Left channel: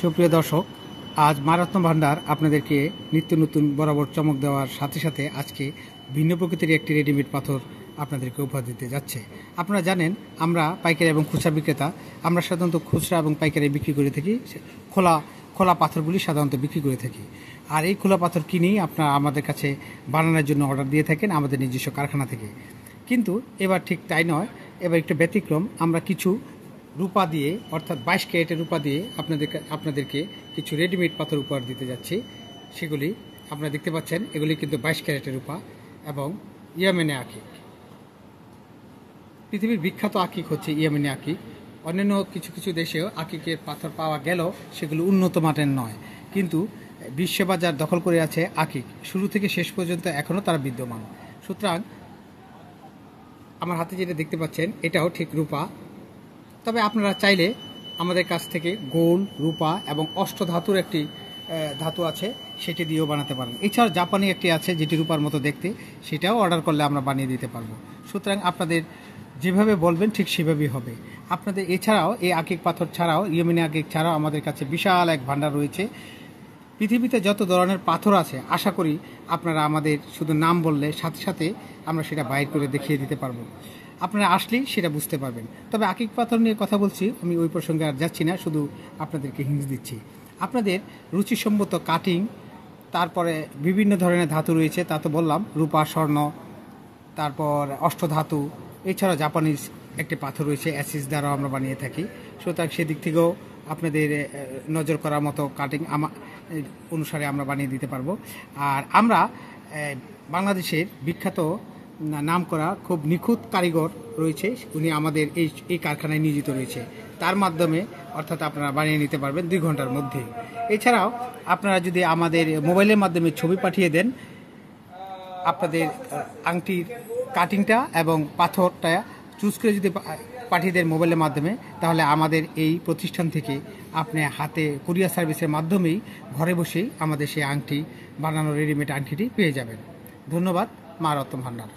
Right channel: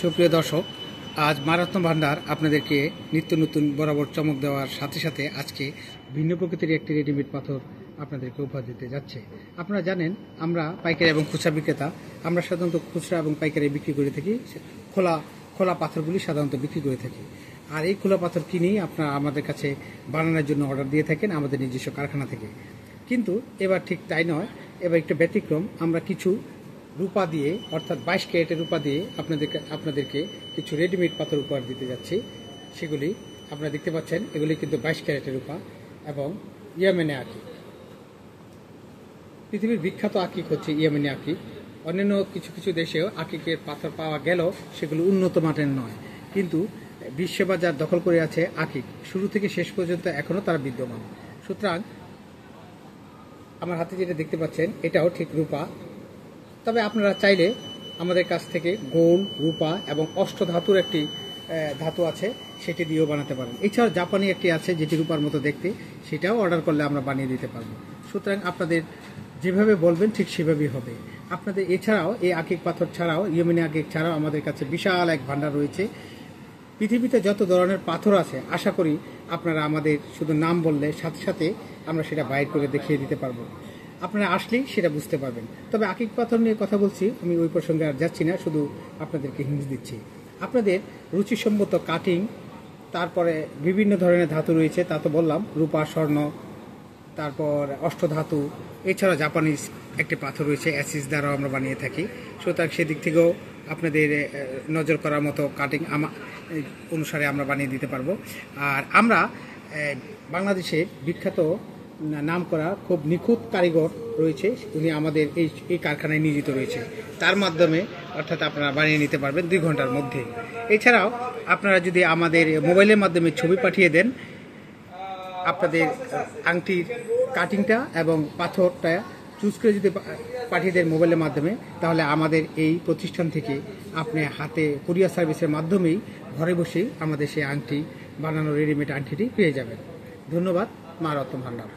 সুপ্রিয় দর্শক, আজ মারত্ন ভান্ডার আপনাদেরকে নিত্য নতুন বরাবর চমক দেওয়ার সাথে সাথে আজকে ভিন্ন প্রকৃতির একটি রেডিমেড পাথর আপনাদেরকে উপহার দিতে যাচ্ছে। আপনারা জানেন, আমরা পাইকারি এবং খুচরা বিক্রেতা। আমরা সাধারণত খুচরা এবং পাইকারি বিক্রি করে থাকি। খোলা পাথরগুলি সাধারণত বিক্রি করে থাকি। আর এই খোলা পাথর কিনেই আপনারা আমাদের কাছে বানানোর জন্য অর্ডার দিয়ে থাকেন আমাদের নিজস্ব কারখানা থেকে। কিন্তু এবার ঠিক তাই নয়, এবার একটু ব্যতিক্রম। আমরা কিছু রূপা দিয়ে, অর্থাৎ 22 ক্যারেটের রূপা দিয়ে আপনাদেরকে কিছু রেডিমেড পাথর উপহার দিতে যাচ্ছি। সেগুলি আপনারা দেখতে পাচ্ছেন, এগুলি কিন্তু 22 ক্যারেটের রূপা এবং ইয়ামেনে আকিক। পৃথিবীর বিখ্যাত আকিক হচ্ছে ইয়ামেনে আকিক। অন্যান্য কিছু কিছু দেশেও আকিকের পাথর পাওয়া গেলেও সেগুলো উন্নত মানের নয়, কিন্তু বিশ্ববাজার দখল করে আছে আকিক। শুরু থেকে শেষ পর্যন্ত এখনও তারা বিদ্যমান। সুতরাং আমার হাতে যেটা দেখতে পাচ্ছেন এটাও ঠিক রূপা। তবে আপনারা চাইলে আমাদের কাছ থেকে গোল্ড, রূপা এবং অষ্টধাতুর একটি ধাতু আছে, সেটি দিয়েও বানাতে পারেন। এছাড়াও জাপানি একটি আছে যেটি রূপার মতো দেখতে, সেটাও অর্ডার করলে আমরা বানিয়ে দিতে পারবো। সুতরাং আপনাদের যেভাবে বলবেন ঠিক সেভাবেই হবে। আপনাদের এছাড়াও এই আকিক পাথর ছাড়াও, ইয়েমেনি আকিক ছাড়াও আমাদের কাছে বিশাল এক ভান্ডার রয়েছে। পৃথিবীতে যত ধরনের পাথর আছে, আশা করি আপনারা আমাদের শুধু নাম বললে সাথে সাথে আমরা সেটা বাইর করে দেখিয়ে দিতে পারবো। আপনারা আসলেই সেটা বুঝতে পারবেন। তবে আকিক পাথর নিয়ে কথা বলছি, আমি ওই প্রসঙ্গে আর যাচ্ছি না, শুধু আপনাদেরকে হিন্স দিচ্ছি। আপনাদের রুচিসম্মত কাটিং, তারপরে বিভিন্ন ধরনের ধাতু রয়েছে, তা তো বললাম, রূপা, স্বর্ণ, তারপর অষ্টধাতু, এছাড়া জাপানিজ একটি পাথর রয়েছে, অ্যাসিস দ্বারাও আমরা বানিয়ে থাকি। সুতরাং সেদিক থেকেও আপনাদের নজর করার মতো কাটিং অনুসারে আমরা বানিয়ে দিতে পারবো। আর আমরা বাংলাদেশের বিখ্যাত নাম করা খুব নিখুঁত কারিগর রয়েছে, উনি আমাদের এই কারখানায় নিয়োজিত রয়েছে। তার মাধ্যমে অর্থাৎ আপনারা বানিয়ে নিতে পারবেন 2 ঘন্টার মধ্যে। এছাড়াও আপনারা যদি আমাদের মোবাইলের মাধ্যমে ছবি পাঠিয়ে দেন আপনাদের আংটির কাটিংটা এবং পাথরটা চুজ করে যদি পাঠিয়ে দেন মোবাইলের মাধ্যমে, তাহলে আমাদের এই প্রতিষ্ঠান থেকে আপনি হাতে কুরিয়ার সার্ভিসের মাধ্যমেই ঘরে বসেই আমাদের সেই আংটি বানানো রেডিমেড আংটিটি পেয়ে যাবেন। ধন্যবাদ। মারত্ন ভান্ডার।